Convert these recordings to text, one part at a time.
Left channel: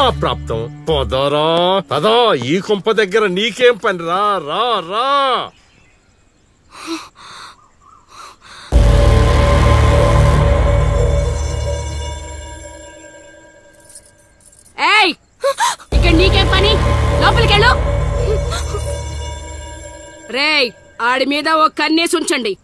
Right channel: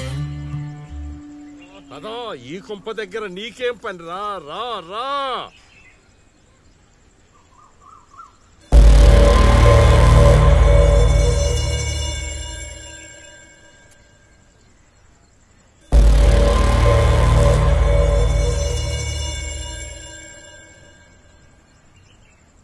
మా ప్రాప్తం. పదరా పదా, ఈ కుంప దగ్గర నీకేం పని? రా రా రా. ఇక్కడ నీకేం పని? లోపలికెళ్ళు. రేయ్, ఆడి మీద ఓ కన్నేసి ఉంచండి.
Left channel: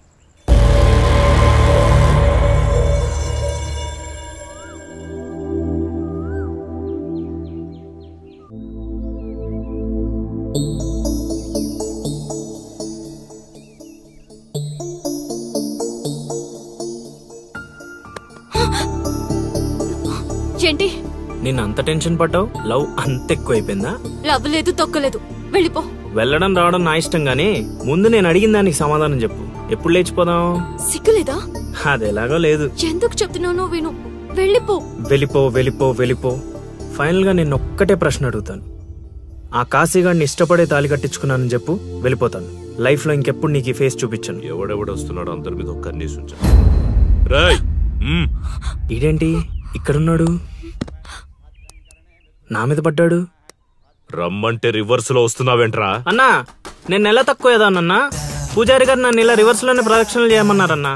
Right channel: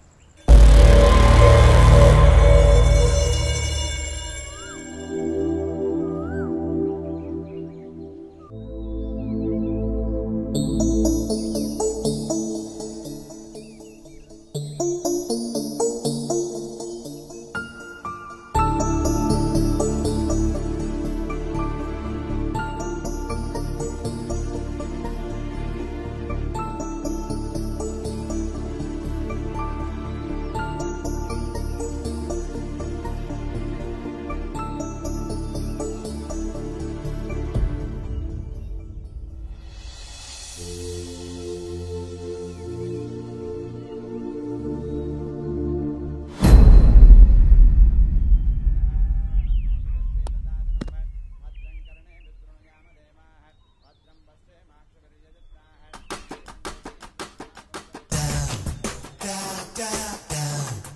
ఏంటి నేను అంత టెన్షన్ పడ్డావు? లవ్ అంత ఎక్కువైపోయిందా? లవ్ లేదు, తొక్కలేదు, వెళ్ళిపో. వెళ్ళడం రావడం నా ఇష్టం గానీ ముందు నేను అడిగిన దానికి సమాధానం చెప్పు. ఎప్పుడు లేచిపోదాం? సిగ్గులేదా? అది ఎలాగో లేదు. ఎందుకు చెప్తున్నానో విను. వెళ్ళిపో. వెళ్ళిపో వెళ్ళిపో వెళ్ళిపో. ఫైనల్ గా నేను ఒక్కటే ప్రశ్న అడుగుతాను. ఆ కాశీగాడిని ఇష్టపడే తాళి కట్టించుకున్నానని చెప్పు, వెళ్ళిపోతాను. లైఫ్ లో ఇంకెప్పుడు నీకు ఈ ఫేస్ చూపించను. ఎవడెవడొస్తున్నాడు అందరి మీద ఒక్క కన్నేసి ఉంచు. ఇదేంటి ఇక్కడున్నాడు? నా మీద పడ్డాడు. రమ్మంటే రివర్స్ లో వస్తున్నావేంట్రా? అన్నా, నేను నెల తక్కువ ఏదానన్నా. పూజారి గారు నన్ను ఇలా రివర్స్ లోనే ప్రదక్షిణలు చేయమన్నారన్నా.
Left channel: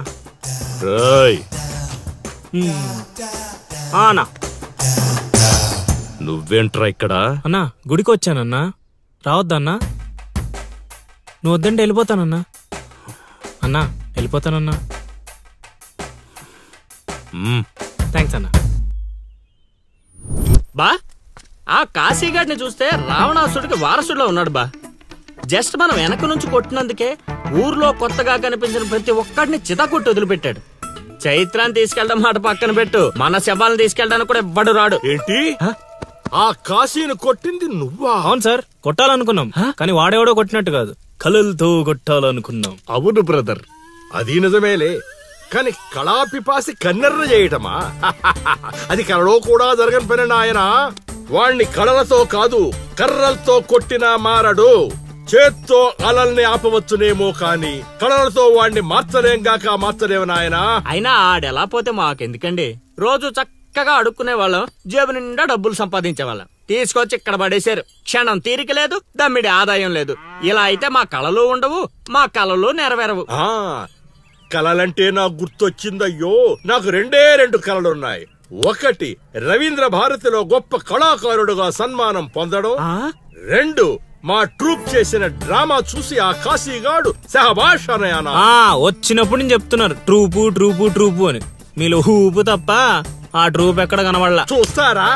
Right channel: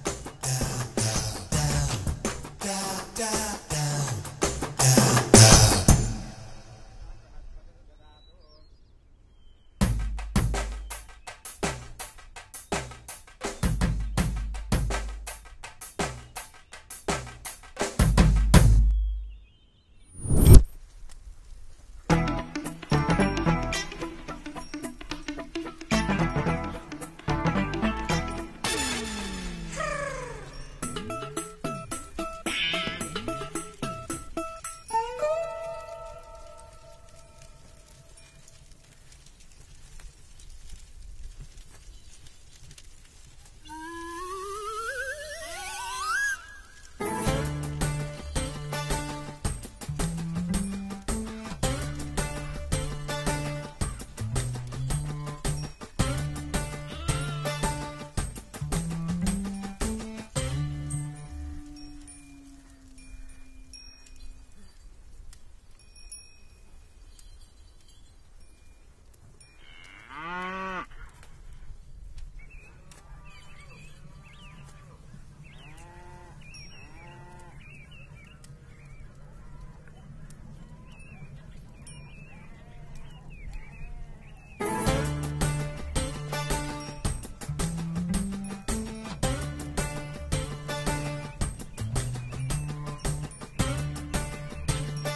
అన్నా, నువ్వేంట్రా ఇక్కడ? అన్నా గుడికి వచ్చానన్నా. రావద్దన్నా? నువ్వు వద్దంటే వెళ్ళిపోతానన్నా. అన్నా వెళ్ళిపోతానన్నా. థ్యాంక్స్ అన్నా. బా, ఆ కాశీగాడిని చూస్తే రావణాసుడికి వారసుడిలో ఉన్నాడు బా. జస్ట్ మనం వెనక నుంచి కొట్టినందుకే ఊర్లో కొత్తగా కనిపించిన ప్రతి ఒక్కడిని చితకొట్టి వదిలిపెట్టాడు. చైత్రాన్ని తీసుకెళ్ళడం మాట పక్కన పెట్టు, మన శవాలను తీసుకెళ్ళడానికి కూడా ఎవ్వడు రాడు. ఏంటి? ఆ కాశీని కొట్టింది నువ్వా? అవును సార్, కొట్టాలనుకున్నాం కానీ వాడేవాడో కొట్టినట్టు కాదు, కలలతో కొట్టాలనుకున్నాం. అవును బ్రదర్, అది నిజమేలే. కానీ కళాపిపాసి కన్నెర్ర చేయటమా? అది కళలో కూడా జరగని పని నాయన. వాణ్ణి కళలతో కాదు కర్రలతో కొట్టినా మారడు. చేత్తో అలల్ని ఆపవచ్చునేమో కాని కళలతో వాణ్ణి మార్చలేంగాక మార్చలేవు నాయనా. అయినా ఆడెలా పోతే మాకెందుకండి? రోజు చక్కగా అడుక్కునే వాళ్ళం, జేబు నిండా డబ్బులు సంపాదించే వాళ్ళం. తీసుకొచ్చి ఇక్కడ పడేశారు. క్షణం తీరిక లేదు, దమ్మిడి ఆదాయం లేదు. ఇలా అయితే మా కళలు ఉండవు, మా కళలు నెరవేరవు. కళలంటే నాకు గుర్తొచ్చిందయ్యో, నాకు రెండు కళలున్నాయి. ఒకటి, రవీంద్ర భారతిలో గొప్ప కళాకారుడుగా సన్మానం పొందడం. 2, మా ట్రూప్ చేసిన డ్రామా చూసి ఆ కాశీగాడు శహబాష్ అనయానా. వచ్చినప్పుడు నేను చెప్తున్నారు ట్రూపు ట్రూపు ట్రూపు అని. మీలో ఊపు తప్ప ఆ ట్రూప్ ఎక్కడ కనబడలా. చూస్తారా?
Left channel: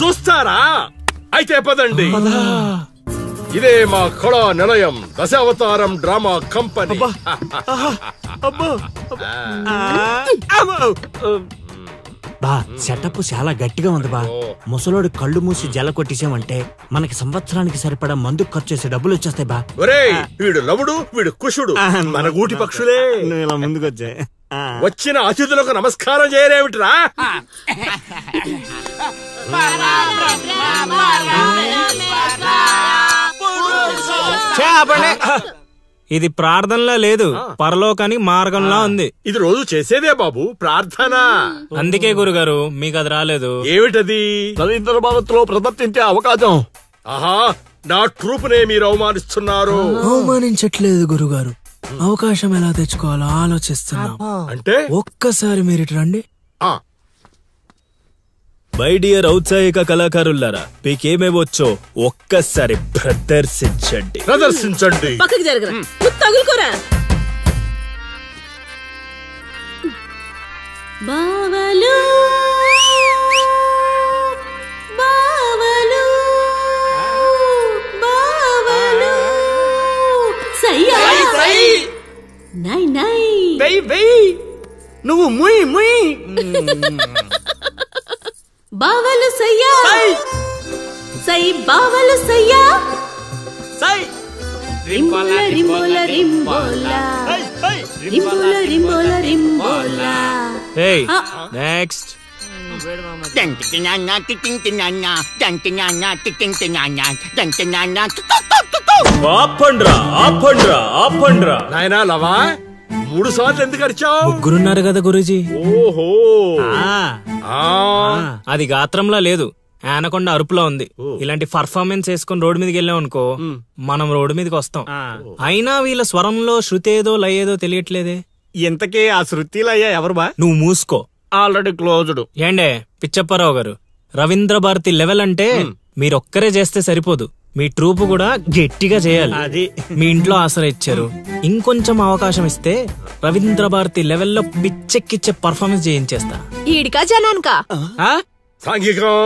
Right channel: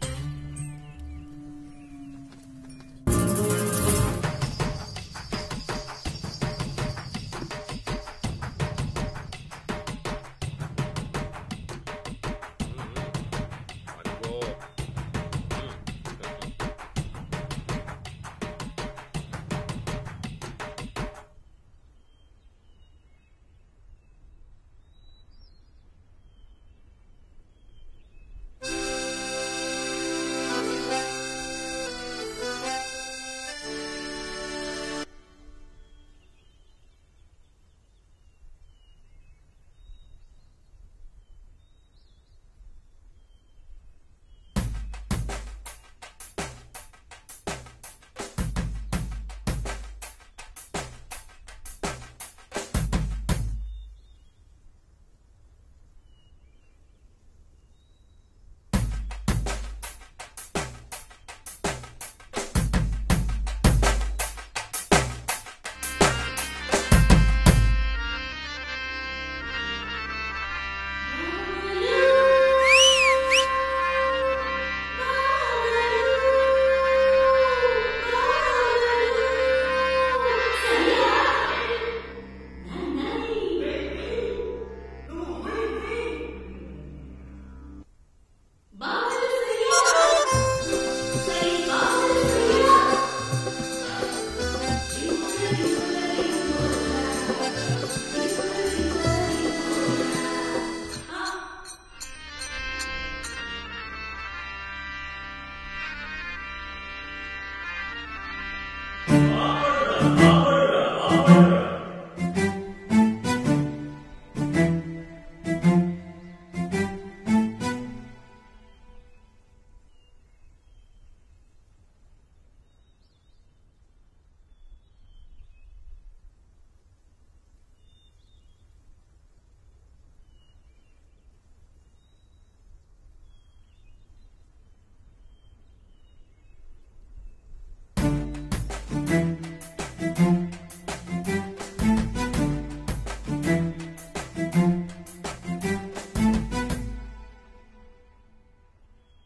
చూస్తారా? అయితే పదండి. ఇదే మా కళా నిలయం, దశావతారం డ్రామా కంపెనీ. బా, సెటప్ చాలా గట్టిగా ఉంది బా. ముసలోడు కళ్ళు మూసి జల కొట్టేసామంటే మనకి సంవత్సరానికి సరిపడా మందు ఖర్చు చేసే డబ్బులు వచ్చేస్తాయి బా. వీడు లవుడు, వీడు కుషుడు, మన గూటి పక్షులే. ఇలా ముందుకొచ్చా. వచ్చిన అతిథులకు నమస్కారం చేయలేమిట్రా? ఇది ప్రార్థనలా లేదు, పరలోకానికి మార్గంలా ఉంది. ఇది రోజు చేసేదే బాబు ప్రార్థన. అందుకే గురుగారు మీకు అది రాలేదు. ఏమిటది? రవీంద్ర భారతిలో ప్రదర్శించే అవకాశం. ఆహా, నా ట్రూప్ నే మీరు అవమానిస్తున్నారు. అవమానించట్లేదు గురుగారు, అవకాశం ఎలా తెచ్చుకోవాలో ఆలోచిస్తున్నా. అంటే ఒక్కసారి మీరు ఇటు రండి. మై డియర్ ఔత్సాహిక కళాకారులారా, మీకేమేవచ్చో ఒక్కసారి ప్రదర్శించండి. పక్కకి జరగరా, తగులుకోరా. బావలు బావలు బావలు సయ్యా నై నై వెయ్ నువ్వు ముయ్ ముయ్. బావలు సయ్యా సై, బావలు సయ్యా సై. రింబోల రింబోల రింబోల రింబోల రింబోల రింబోల. Hey, next. ఆపండ్రా. నాయనా లవా, 3 సార్లు ఎందుకు అరిచావు? ముగ్గురున్నారు కదా గురూజీ. ఓహో, అది గాత్రంలా లేదు, ఆనకొండ అరుపులో ఉంది. ఇలాంటి పర్ఫార్మెన్స్ వేసుకుని రోడ్డు మీదకి వెళ్ళాం అనుకో, మనం రోడ్డు మీదకి వస్తాం. అయినా వీళ్ళ స్వరంలో శృతి ఏదో లయ ఏదో తెలియట్లేదే. ఇంతకీ ఆ శృతిలో అయ్యా ఎవరు బా? నువ్వు మూసుకో, ఆల్రెడీ క్లోజ్డ్. ఏండే పిచ్చప్పారావు గారు, రవీంద్ర భారతి లెవెల్ అంటే మీరొక్కరే చేస్తే సరిపోదు, మీ ట్రూప్ కూడా గట్టిగా చేయాలి. అది మీ ఇంట్లో ఆసరా ఇచ్చారు, ఇంకొంచెం అవకాశం ఇస్తే రవీంద్ర భారతి లెవెల్లో పిచ్చెక్కిచ్చే పర్ఫార్మెన్స్ చేయించేస్తా. ఈడికా జనానికా? సాంఘికం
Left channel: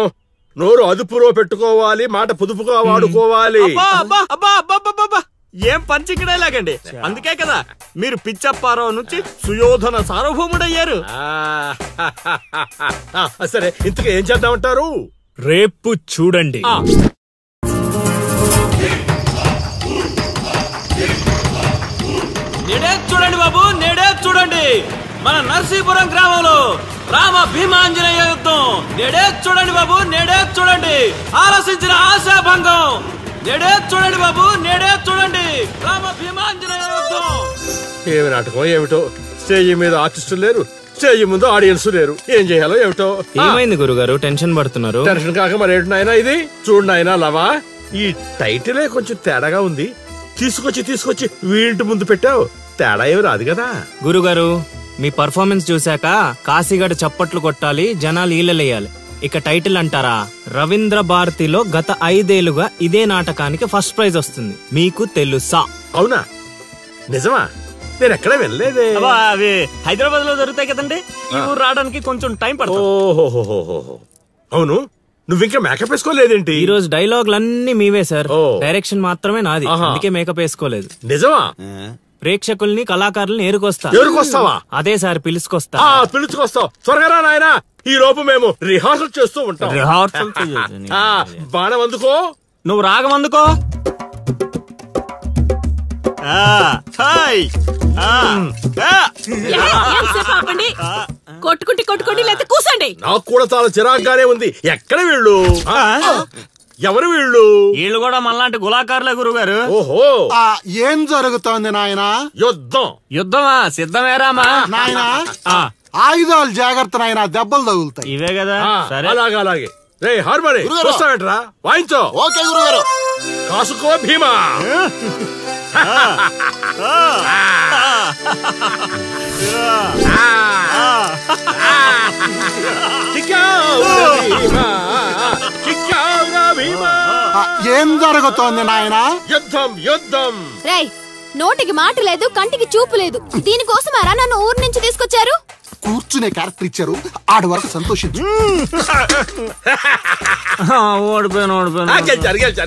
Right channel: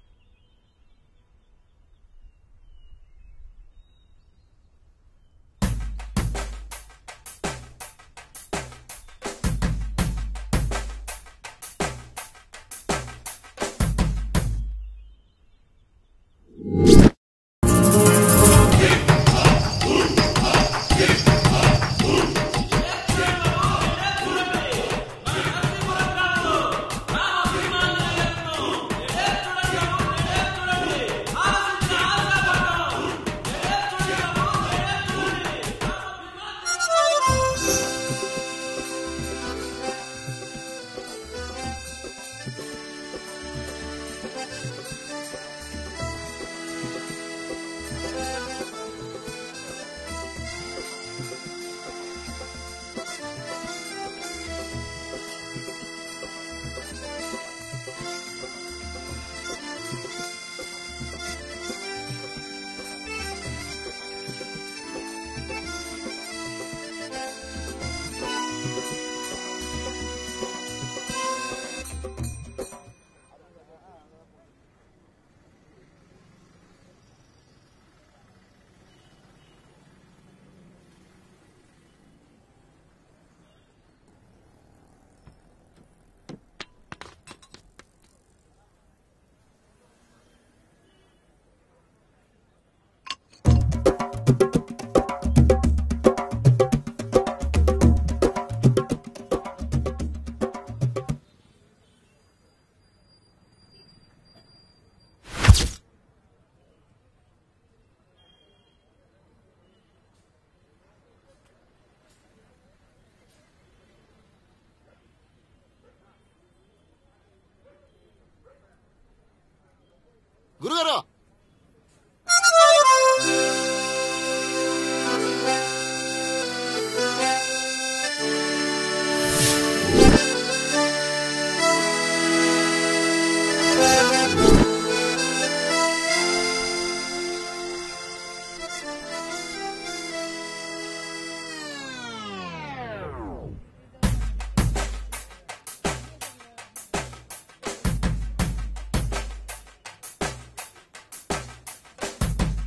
నోరు అదుపులో పెట్టుకోవాలి, మాట పొదుపుగా వాడుకోవాలి. ఏం పంచికడే లాగండి. అందుకే కదా మీరు పిచ్చప్పారావు నుంచి సుయోధన సార్వభౌముడయ్యారు. సరే, ఇంతగా ఏం చేద్దామంటారు? రేపు చూడండి. నేడే చూడండి బాబు, నేడే చూడండి. మన నర్సీపురం గ్రామంలో రామ భీమాంజనేయ యుద్ధం. నేడే చూడండి బాబు, నేడే చూడండి. ఆలోచించిన ఆశాభంగం. నేడే చూడండి బాబు, నేడే చూడండి. రామ భీమాంజనేయ యుద్ధం. ఏమి నాటకం ఏమిటో, స్టేజ్ మీద ఆర్టిస్టులు లేరు, స్టేజ్ ముందు ఆడియన్స్ లేరు, ఏం చేయాలో ఏమిటో. ఏమైంది గురుగారు, టెన్షన్ పడుతున్నారు? టెన్షన్ కాక మరేంటి నాయనా ఇది? చూడు నాయనా లవా, ఈ టైటిలే కొంచెం తేడాగా ఉంది. తీసుకొచ్చి వీంటి ముందు పెట్టావు, తేడా ఏమి రాదు కదా. గురుగారు, మీ పర్ఫార్మెన్స్ చూశాక కాశీగఢ్ చప్పట్లు కొట్టాలి, జనాలు ఈలలేయాలి. ఇక టైటిల్ అంటారా? రవీంద్ర భారతిలో గత 5 ఏళ్లుగా ఇదే నాటకానికి ఫస్ట్ ప్రైజ్ వస్తుంది. మీకు తెలుసా? అవునా? నిజమా? నేను ఎక్కడ వెళ్ళలేదే. అవి హైదరాబాద్ లో దొరుకుతాయి కదండి, ఈ ఊరు రావడానికి కొంచెం టైం పడుతుంది. ఓహోహోహో, అవును. నువ్వింకా మేకప్ వేసుకోలేదేంటి? ఈ రోజు డైలాగులన్నీ మీవే సార్, డైరెక్షన్ మాత్రమే నాది, అందుకే మేకప్ వేసుకోలేదు. నిజమా? ప్రేక్షకుల్ని కళాకారుల్ని ఏరుకొస్తావా? అదే సార్, పిలుచుకొస్తా. పిలుచుకొస్తావు, త్వరగా రా నాయనా. ఈ లోపు మేము రిహార్సల్ చేస్తూ ఉంటాం. రిహార్సల్ బాణం అందుకో, నువ్వు రాగం అందుకో. కొట్టుకుంటే లేకపోతే కూసండి. నాకు కూడా చాలా చిరాగ్గానే ఉంది. ఎక్కడ వీళ్ళు? ఎవరు వీళ్ళు? వీళ్ళు కూడా మనలాంటి గులాకారులే గురుగారు. ఓహో, ఏం జరుగుతోంది నాయనా? యుద్ధమా? సిద్ధమేరామా నాయనా? ఆయుధాలు జాగ్రత్త నాయనా, దెబ్బలు తగులుతాయి. ఇవే కదా. సరే, అలాగే. రే హార్మోని వస్తావేంట్రా? వాయించో. ఓకే గురుగారు. కాసుకో భీమా. ఏం జరుగుతోంది నాయనా? యుద్ధం. రేయ్, నోటికి మాట లేదు, కంటికి చూపు లేదు. దీనికోసమారా నన్ను ఊరు నుంచి తీసుకొచ్చారు? కూర్చునే క్యారెక్టర్ ఇచ్చారు, ఆడి వరకు సంతోషించు.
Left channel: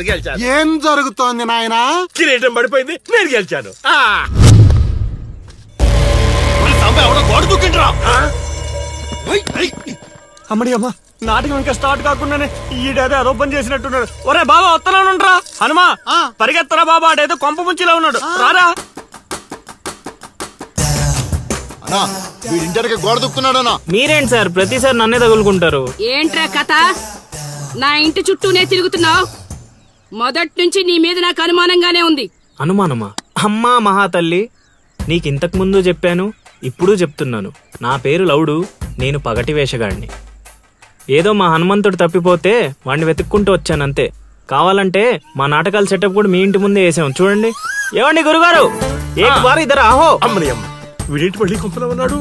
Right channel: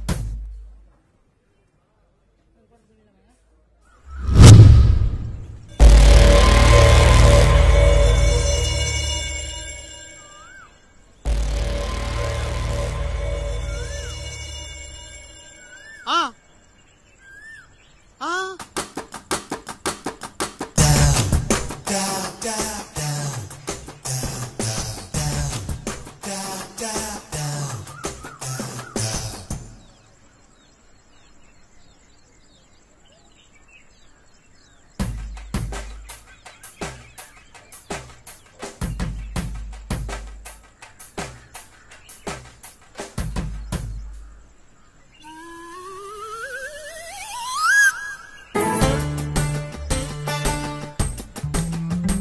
గెలిచారు. ఏం జరుగుతోంది నాయనా? కిరీటం పడిపోయింది, నేను గెలిచాను. అమ్మడి అమ్మ, నాటకం ఇంకా స్టార్ట్ కాకుండానే ఈడేదో అదోపన్ చేసినట్టున్నాడు. ఒరే బాబా, వస్తున్నానుండ్రా. హనుమా, పరిగెత్తరా బాబా, ఆడేదో కొంప ముంచిలా ఉన్నాడు. రారా. ఇంటర్కి గోడ దుక్కున్నాడనా? మీరేంటి సార్ ప్రతిసారి నన్నే తగులుకుంటారు? ఏంట్రా కథ? నా ఇంటి చుట్టూనే తిరుగుతున్నావు. మొదటి నుంచి నీ మీద నాకు అనుమానంగానే ఉంది. అనుమానమా? అమ్మా మహాతల్లి, నీకింతకు ముందు చెప్పాను, ఇప్పుడు చెప్తున్నాను. నా పేరు లౌడు, నేను పగటి వేషగాడిని. ఏదో మా హనుమంతుడు తప్పిపోతే వాడిని వెతుక్కుంటూ వచ్చానంతే. కావాలంటే మా నాటకాల సెటప్ కూడా మీ ఇంటి ముందే వేసాం, చూడండి. ఏమండి గురుగారు, ఏక్ బార్ ఇద్దరు ఆహో. వీడింటి మళ్ళీ కుంపలో ఉన్నాడు.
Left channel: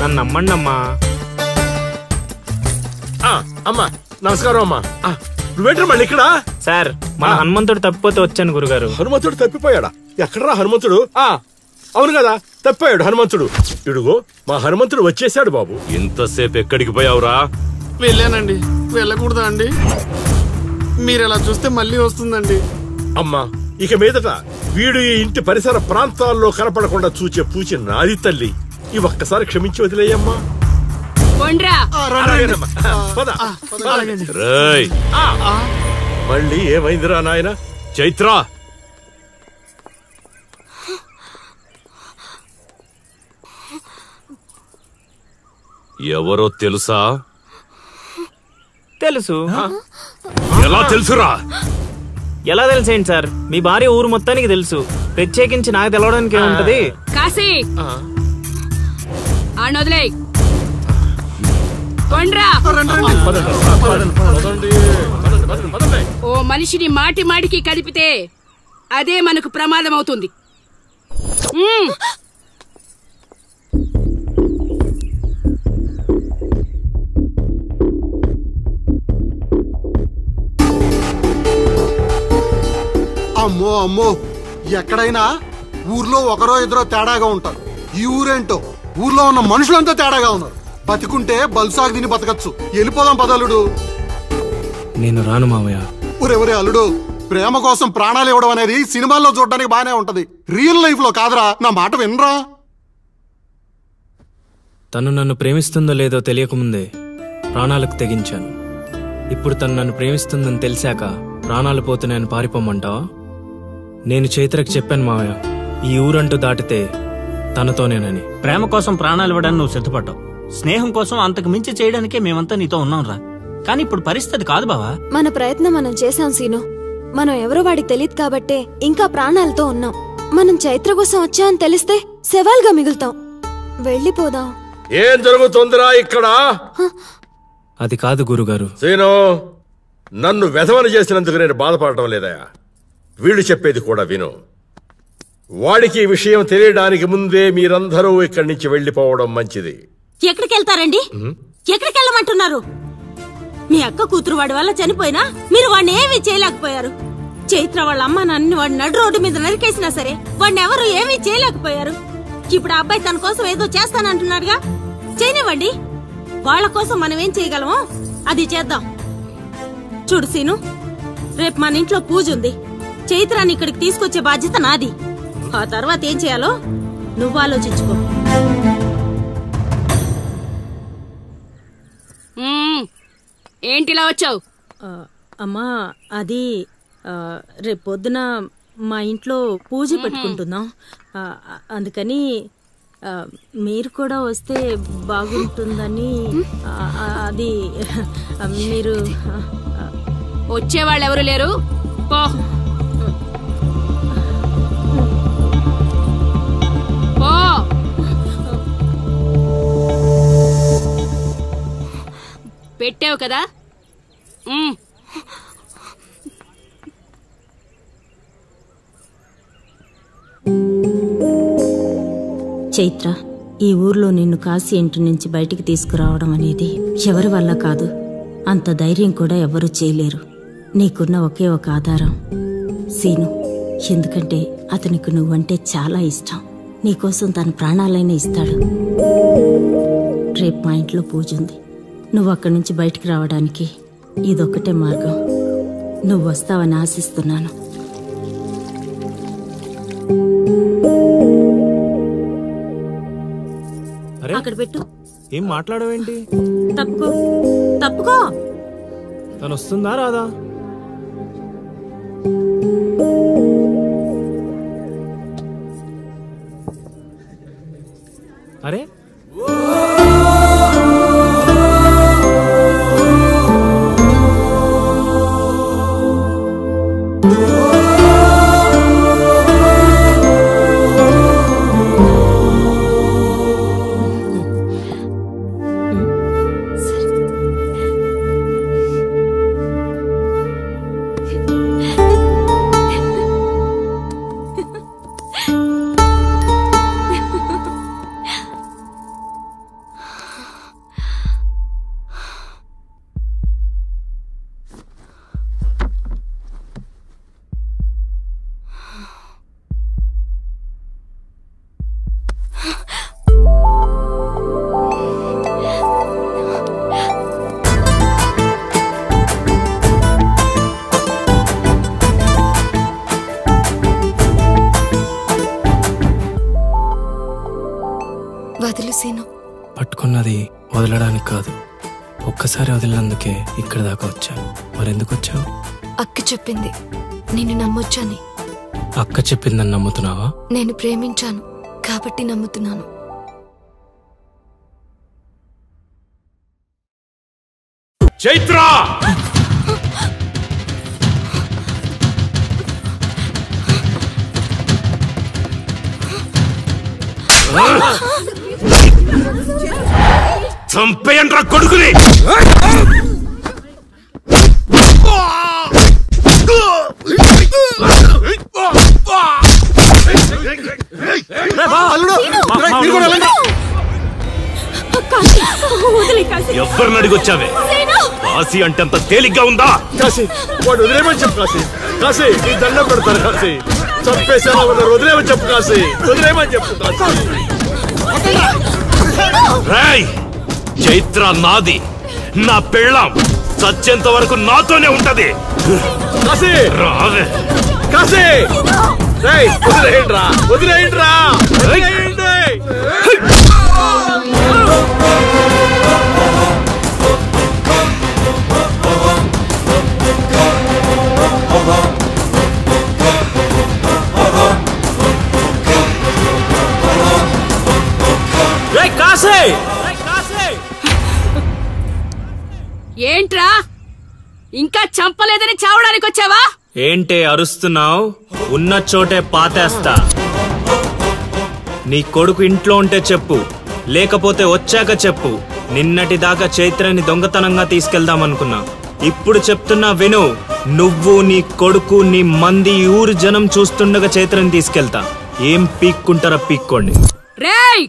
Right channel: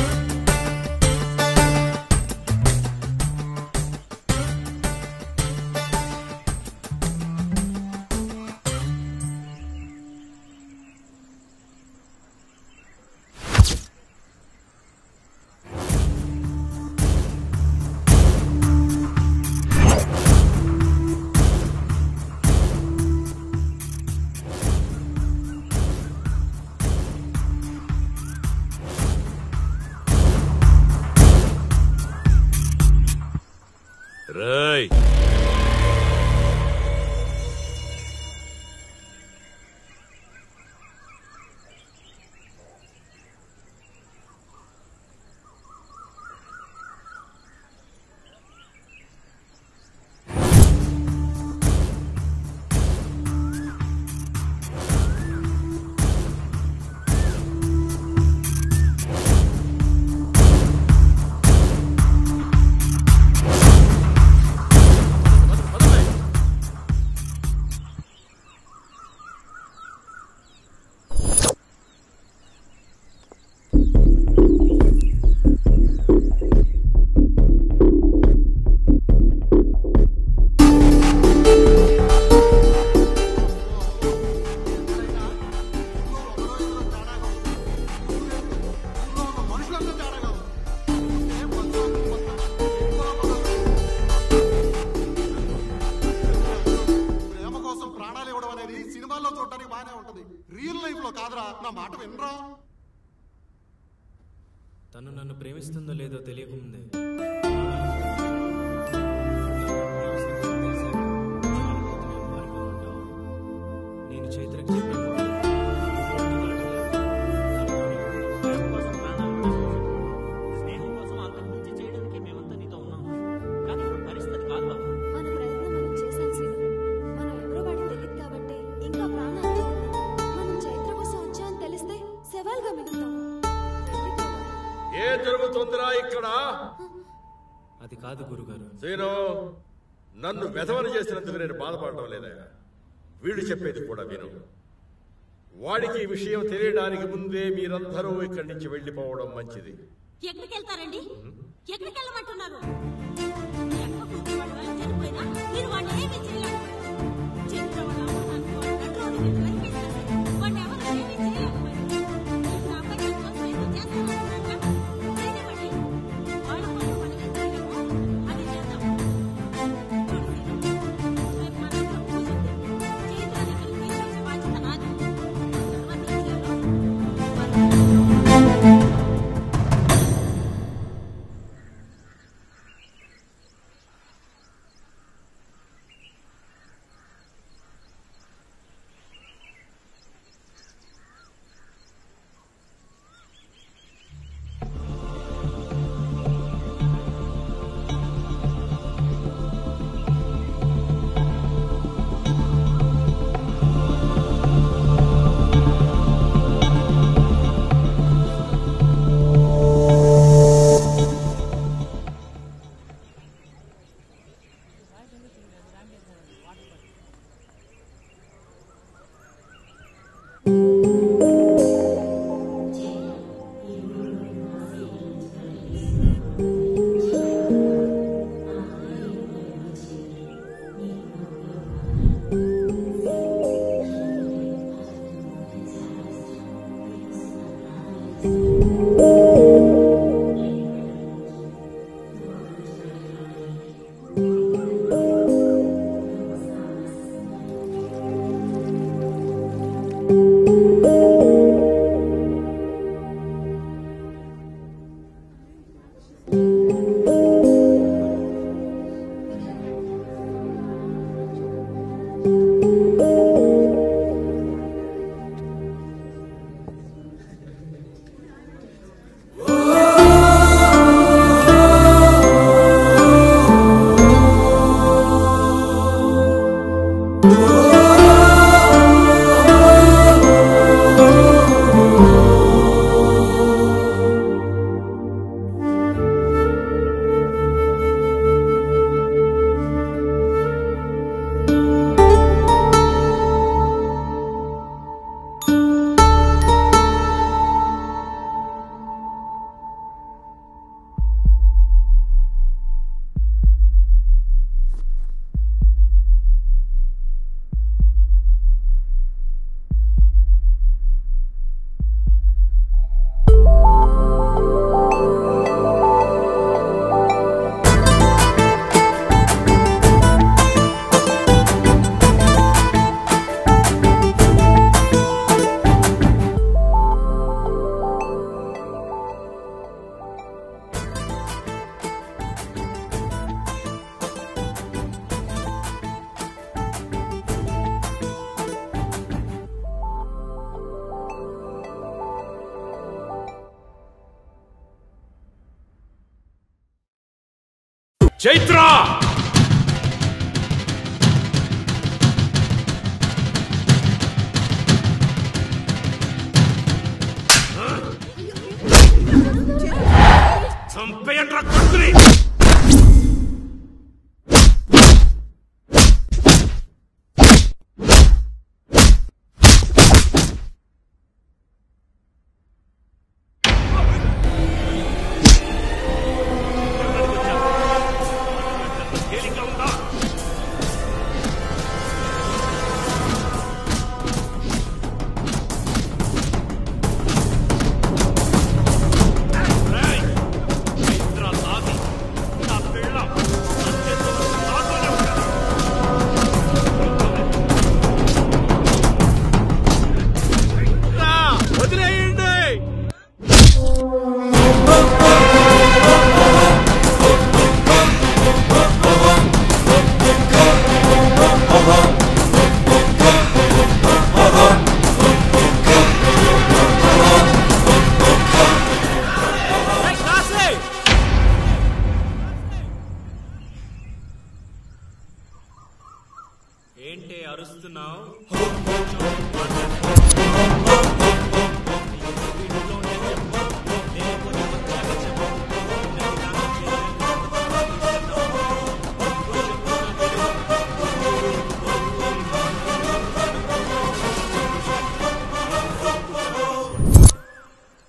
నన్ను నమ్మండి అమ్మా. అమ్మా నమస్కారం. అమ్మా నువ్వేంటి మళ్ళీ ఇక్కడ? సార్, మా హనుమంతుడు తప్పిపోతే వచ్చాను గురుగారు. హనుమంతుడు తప్పిపోయాడా? ఎక్కడరా హనుమంతుడు? అవును కదా, తప్పిపోయాడు హనుమంతుడు. ఇడుగో మా హనుమంతుడు వచ్చేసాడు. బాబు, ఇంతసేపు ఎక్కడికి పోయావురా? వెళ్ళానండి. వెళ్ళకూడదా అండి? మీరు ఎలా చూస్తే మళ్ళీ వస్తుందండి. అమ్మా, ఇక మీదట వీడు ఈ ఇంటి పరిసర ప్రాంతాల్లో కనపడకుండా చూచే పూచి నాది తల్లి. ఈ ఒక్కసారి క్షమించి వదిలేయమ్మా. మళ్ళీ ఏమైందిరా నాయన? చైత్ర, ఎవరో తెలుసా? తెలుసు. ఎలా తెలుసురా? ఎలా తెలిసేంటి సార్, మీ భార్య ఊరు మొత్తానికి తెలుసు. ప్రత్యేకించి నాకు తెలవడానికి ఏముంటది? కాశీ, వదిలే. మనిషిని మాటి మాటికి కదిపితే అదే మనకు ప్రమాదం అవుతుంది. అమ్మో అమ్మో, ఎక్కడైనా ఊర్లో ఒకరో ఇద్దరో తేడాగా ఉంటారు. ఈ ఊరేంటో ఊర్లో ఉన్న మనుషులంతా తేడాగా ఉన్నారు. బతికుంటే బల్సాగు తిని బతకచ్చు. వెళ్ళిపోదాం పదలుడు. నేను రాను మావయ్య. ఒరే అల్లుడు, ప్రేమ కోసం ప్రాణాలు ఇవ్వడం అనేది సినిమాల్లో చూడడానికి బానే ఉంటది, రియల్ లైఫ్ లో కాదురా. నా మాట వినరా? తను నన్ను ప్రేమిస్తుందో లేదో తెలియకముందే ప్రాణాలకు తెగించాను. ఇప్పుడు తను నన్ను ప్రేమిస్తుందని తెలిసాక ప్రాణాలు పోతున్నాయని పారిపోమంటావా? నేను చైత్రకు చెప్పాను మావయ్య, ఈ ఊరంటూ దాటితే తనతోనేనని. ప్రేమ కోసం ప్రాణాలు ఇవ్వడానికి నువ్వు సిద్ధపడ్డావు. స్నేహం కోసం అంతకు మించి చేయడానికే మేమంతా నీతో ఉన్నాం రా. కానీ ఇప్పుడు పరిస్థితి కాదు బావా. మన ప్రయత్నం మనం చేశాం సీను. మనం ఎవరో వాడికి తెలియదు కాబట్టే ఇంకా ప్రాణాలతో ఉన్నాం. మనం చైత్ర కోసం వచ్చామని తెలిస్తే శవాల్గా మిగులుతాం. వెళ్ళిపోదాం. ఏం జరుగుతుందిరా ఇక్కడ? అది కాదు గురుగారు. సీను, నన్ను వెధవని చేసినందుకు నేను బాధపడటం లేదయా. వీళ్ళు చెప్పేది కూడా విను. వాడికి ఈ విషయం తెలియడానికి ముందే మీరందరూ ఇక్కడి నుంచి వెళ్ళిపోవడం మంచిది. ఎక్కడికి వెళ్తారండి? ఎక్కడికి వెళ్ళమంటున్నారు? మీ అక్క కూతురు వాడి వల్ల చనిపోయినా మీరు వాడిని ఏమీ చేయలేకపోయారు. చైత్ర వాళ్ళ అమ్మ నాన్నని వాడి నడు రోడ్డు మీద నరికేసినా సరే వాడిని ఎవరు ఏమీ చేయలేకపోయారు. ఇప్పుడు ఆ అబ్బాయి తన కోసం ఏదో చేస్తానంటున్నాడుగా, చేయనివ్వండి. వాళ్ళ కోసం మనం ఏం చేయగలమో అది చేద్దాం. చూడు సీను, రేపు మన ఇంట్లో పూజ ఉంది. చైత్రాన్ని ఇక్కడికి తీసుకొచ్చే బాధ్యత నాది. ఆ తర్వాత ఏం చేయాలో నువ్వు ఆలోచించుకో. ఏంటిలా వచ్చావు? అమ్మా, అది రేపు పొద్దున మా ఇంట్లో పూజ పెట్టుకుంటున్నాం. అందుకని మీరు కూడా వస్తే బాగుంటుందని. అది మీరు వచ్చేవాళ్ళు ఎవరు లేరు. పో. పెట్టావు కదా. చైత్ర, ఈ ఊర్లో నిన్ను కాశీ ఇంటి నుంచి బయటికి తీసుకురావడం అనేది ఎవరి వల్ల కాదు. అంత ధైర్యం కూడా ఎవరూ చేయలేరు. నీకున్న ఒకే ఒక ఆధారం సీను. ఎందుకంటే అతనికి నువ్వంటే చాలా ఇష్టం. నీకోసం తన ప్రాణాలైనా ఇస్తాడు. రేపు మా ఇంట్లో పూజ ఉంది. నువ్వు అక్కడి నుంచి బయటికి రావడానికి ఇదొక్కటే మార్గం. నువ్వు వస్తావని ఆశిస్తున్నాను. అక్కడ పెట్టు. ఏం మాట్లాడవేంటి? తప్పుకో తప్పుకో. తను వస్తుందా రాదా? అరే పట్టుకున్నది వదలడానికి కాదు, ఒక్కసారి వదిలినందుకే ఇక్కడ దాకా వచ్చావు. మరెందుకు వచ్చావు? అక్క చెప్పింది నిన్ను నమ్మొచ్చని. అక్క చెప్పిందని నమ్ముతున్నావా? నేను ప్రేమించాను కాబట్టి నమ్ముతున్నాను. చైత్ర, చంపేయండ్రా కొడుకుని. వచ్చావే? కాశీ అంటే అంత తేలిగ్గా ఉందా? కాశీ వాడు వదిలేమని చెప్పు. కాశీ కాశీ నీ దండం పెడతాను. కాశీ చంపేసేలా ఉన్నారు. వదిలేమని చెప్పు. కాశీ వదిలేమని చెప్పు. రేయ్, చైత్ర నాది, నా పెళ్ళాం. సత్యంత వరకు నాతోనే ఉంటది. కాశీ రావే. కాశీ వదిలేయండిరా, వదిలేయండిరా, వదిలేయండి. ఏంట్రా ఇంకా చంపలేదని చావడానికి వచ్చావా? ఏంటే అరుస్తున్నావు? ఉన్న చోటే పాతేస్తా. నీ కొడుకు ఇంట్లో ఉంటే చెప్పు, లేకపోతే వచ్చాక చెప్పు. నిన్నటి దాకా చైత్రని దొంగతనంగా తీసుకెళ్దామనుకున్నా. ఇప్పుడు చెప్తున్నా విను. నువ్వు, నీ కొడుకు, నీ మంది, ఊరు జనం చూస్తుండగా చైత్రని తీసుకెళ్తా. ఏం పీక్కుంటారా పీక్కోండి. రేయ్,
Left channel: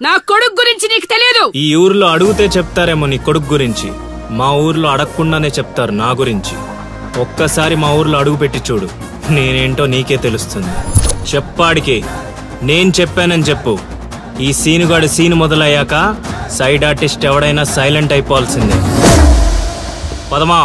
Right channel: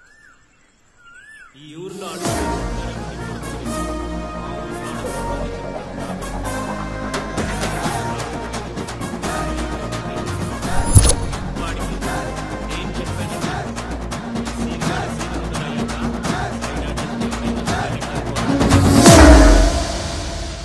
నా కొడుకు గురించి నీకు తెలియదు. ఈ ఊర్లో అడిగితే చెప్తారేమో నీ కొడుకు గురించి. మా ఊర్లో అడగకుండానే చెప్తారు నా గురించి. ఒక్కసారి మా ఊర్లో అడుగు పెట్టి చూడు, నేనేంటో నీకే తెలుస్తుంది. చెప్పాడికి నేను చెప్పానని చెప్పు. ఈ సీనుగాడి సీను మొదలయ్యాక సైడ్ ఆర్టిస్ట్ ఎవడైనా సైలెంట్ అయిపోవాల్సిందే. పదమా.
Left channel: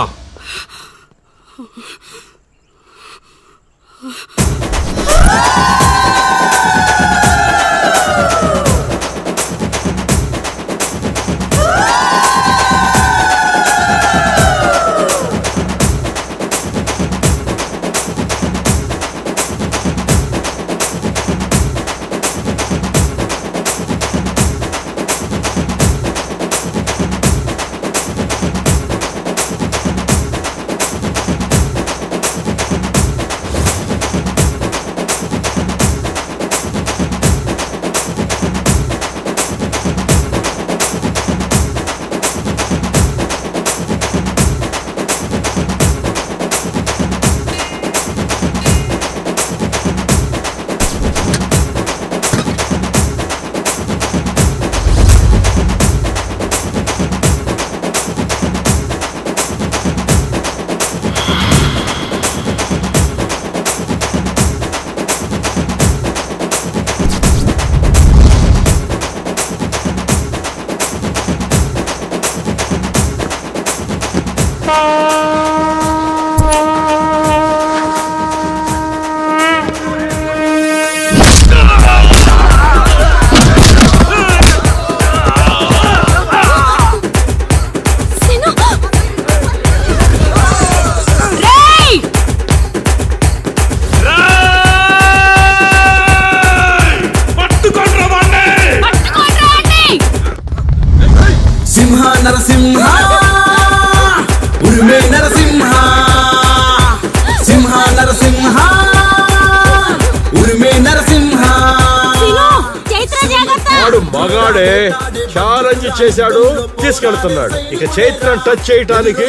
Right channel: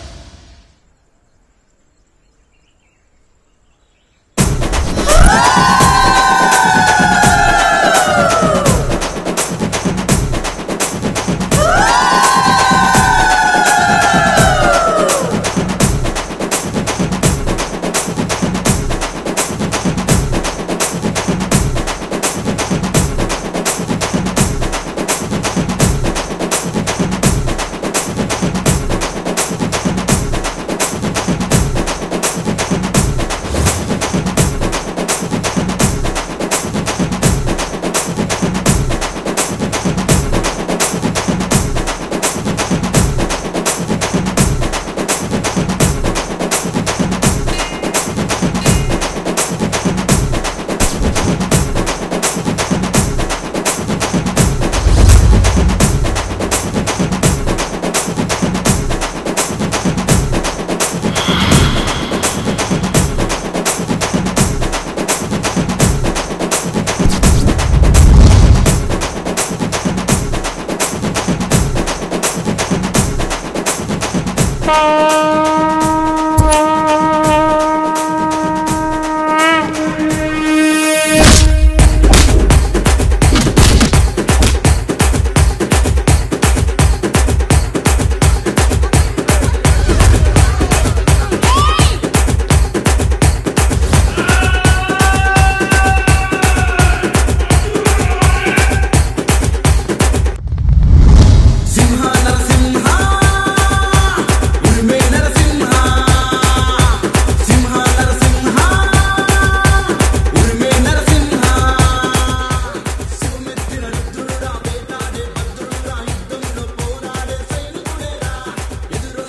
చేశాడు, తీసుకెళ్తున్నాడు. ఇక చైత్రం టచ్ చేయటానికి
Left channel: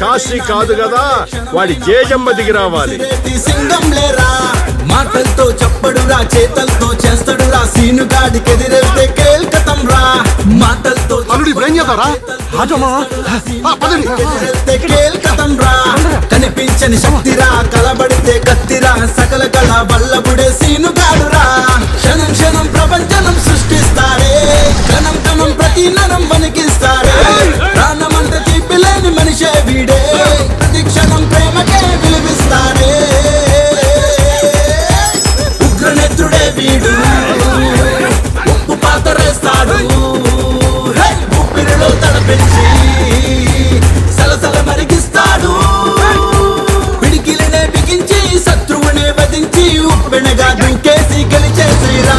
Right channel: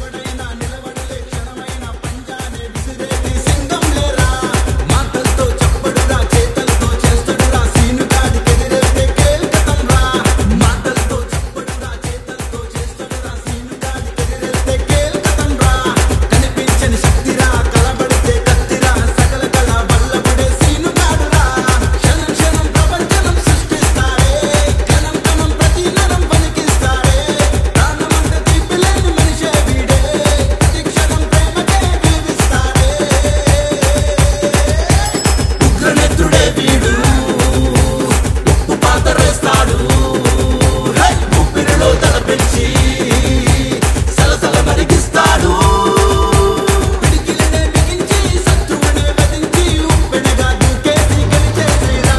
కాశీ కాదు కదా, వాడి జేజమ్మ దిగి రావాలి. మాటలతో చెప్పడురా, చేతలతో చేస్తాడురా, సీనుగాడికి ఎదిరెళ్తే కేల్కతం రా. మాటలతో ఎదిరెళ్తే కేల్కతం రా. కనిపించని శక్తిరా, కలబడితే కత్తిరా, సకల కళ వల్లబుడే సీనుగాడురా. క్షణం క్షణం ప్రపంచనం సృష్టిస్తాడే, కణం కణం ప్రతి నరం వణికిస్తాడే. ప్రాణమంటే తీపిలేని మనిషే వీడే, ప్రతి క్షణం ప్రేమకే విలువిస్తాడే. ఉగ్రనేత్రుడే వీడు, ఉప్పు పాతరేస్తాడు. ఉప్పిరిలో తడపెచ్చి సలసల మరిగిస్తాడు. పిడికిలనే బిగించి శత్రువునే వధించి ఉప్పెనగా దూకేసి గెలిచేసిరా.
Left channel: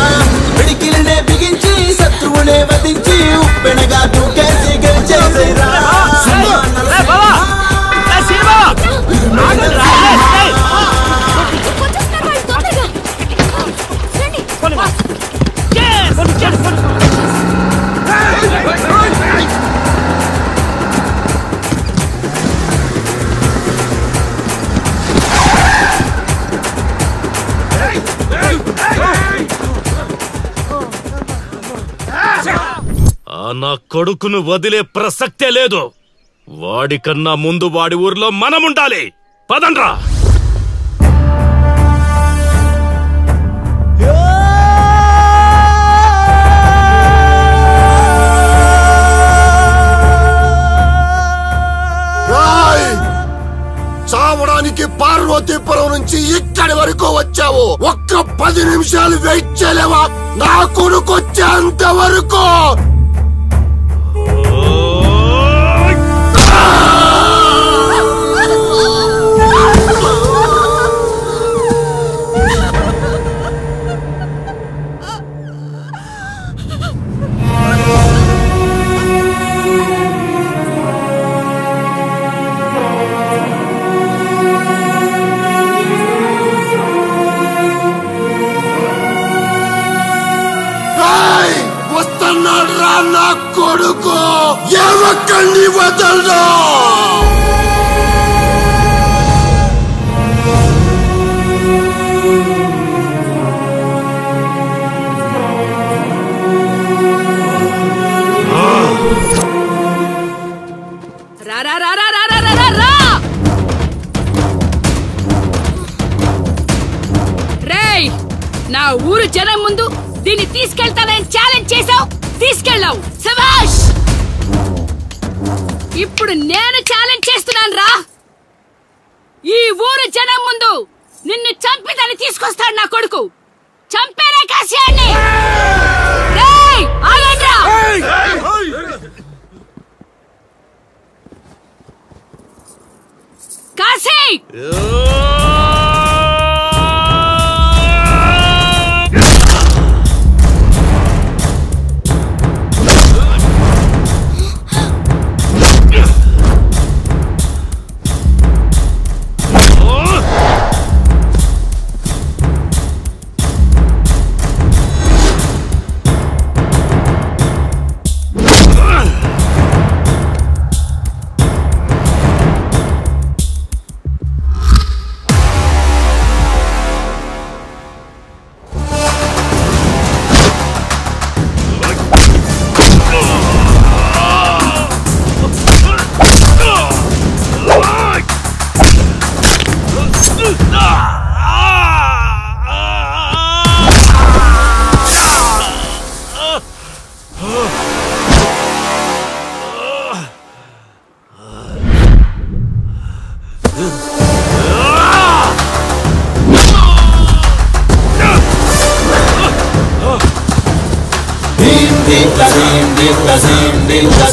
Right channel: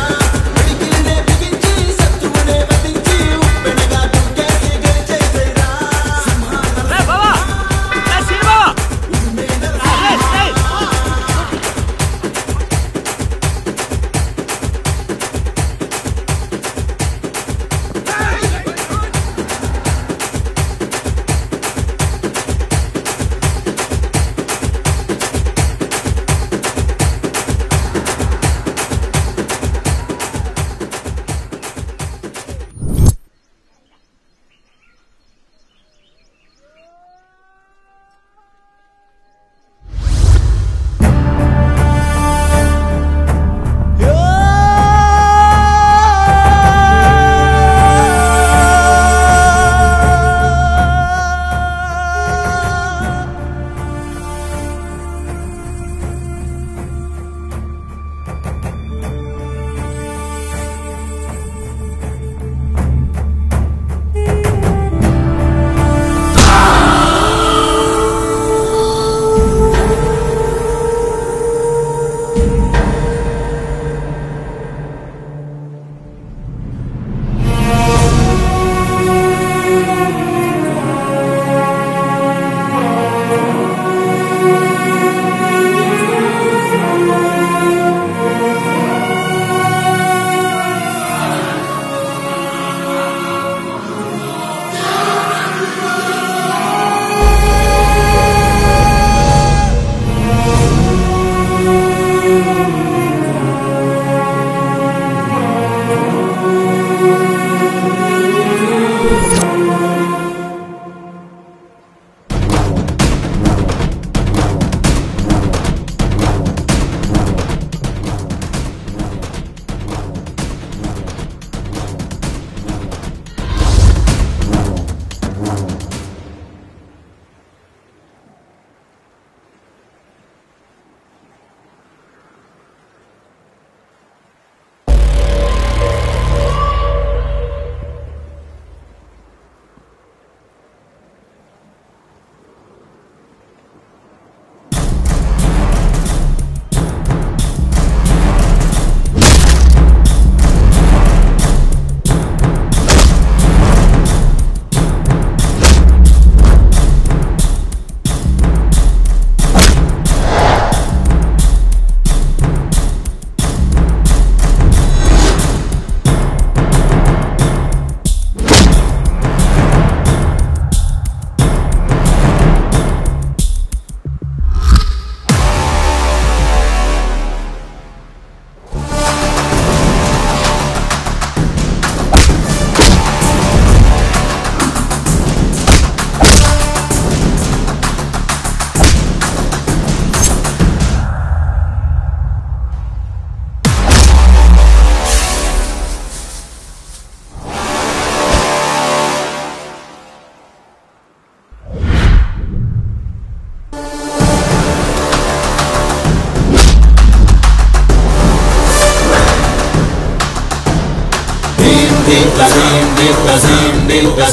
పిడికిలనే బిగించి శత్రువునే వధించి ఉప్పెనగా దూకేసి గెలిచేసిరా. నా కొడుకును వదిలే ప్రసక్తే లేదు. వాడికన్నా ముందు వాడి ఊర్లో మనం ఉండాలి. పదండ్రా. చావడానికి పార్వతీపురం నుంచి ఇక్కడి వరకు వచ్చావు. ఒక్క 10 నిమిషాలు వెయిట్ చేయలేవా? నా కొడుకు వచ్చేంత వరకు. ఇప్పుడు నేను ఛాలెంజ్ చేస్తున్నాను రా. ఈ ఊరు జనం ముందు నిన్ను చంపిదని తీసుకొస్తాడు నా కొడుకు. చంపేరా కాశీయాన్ని. కాశీ Ding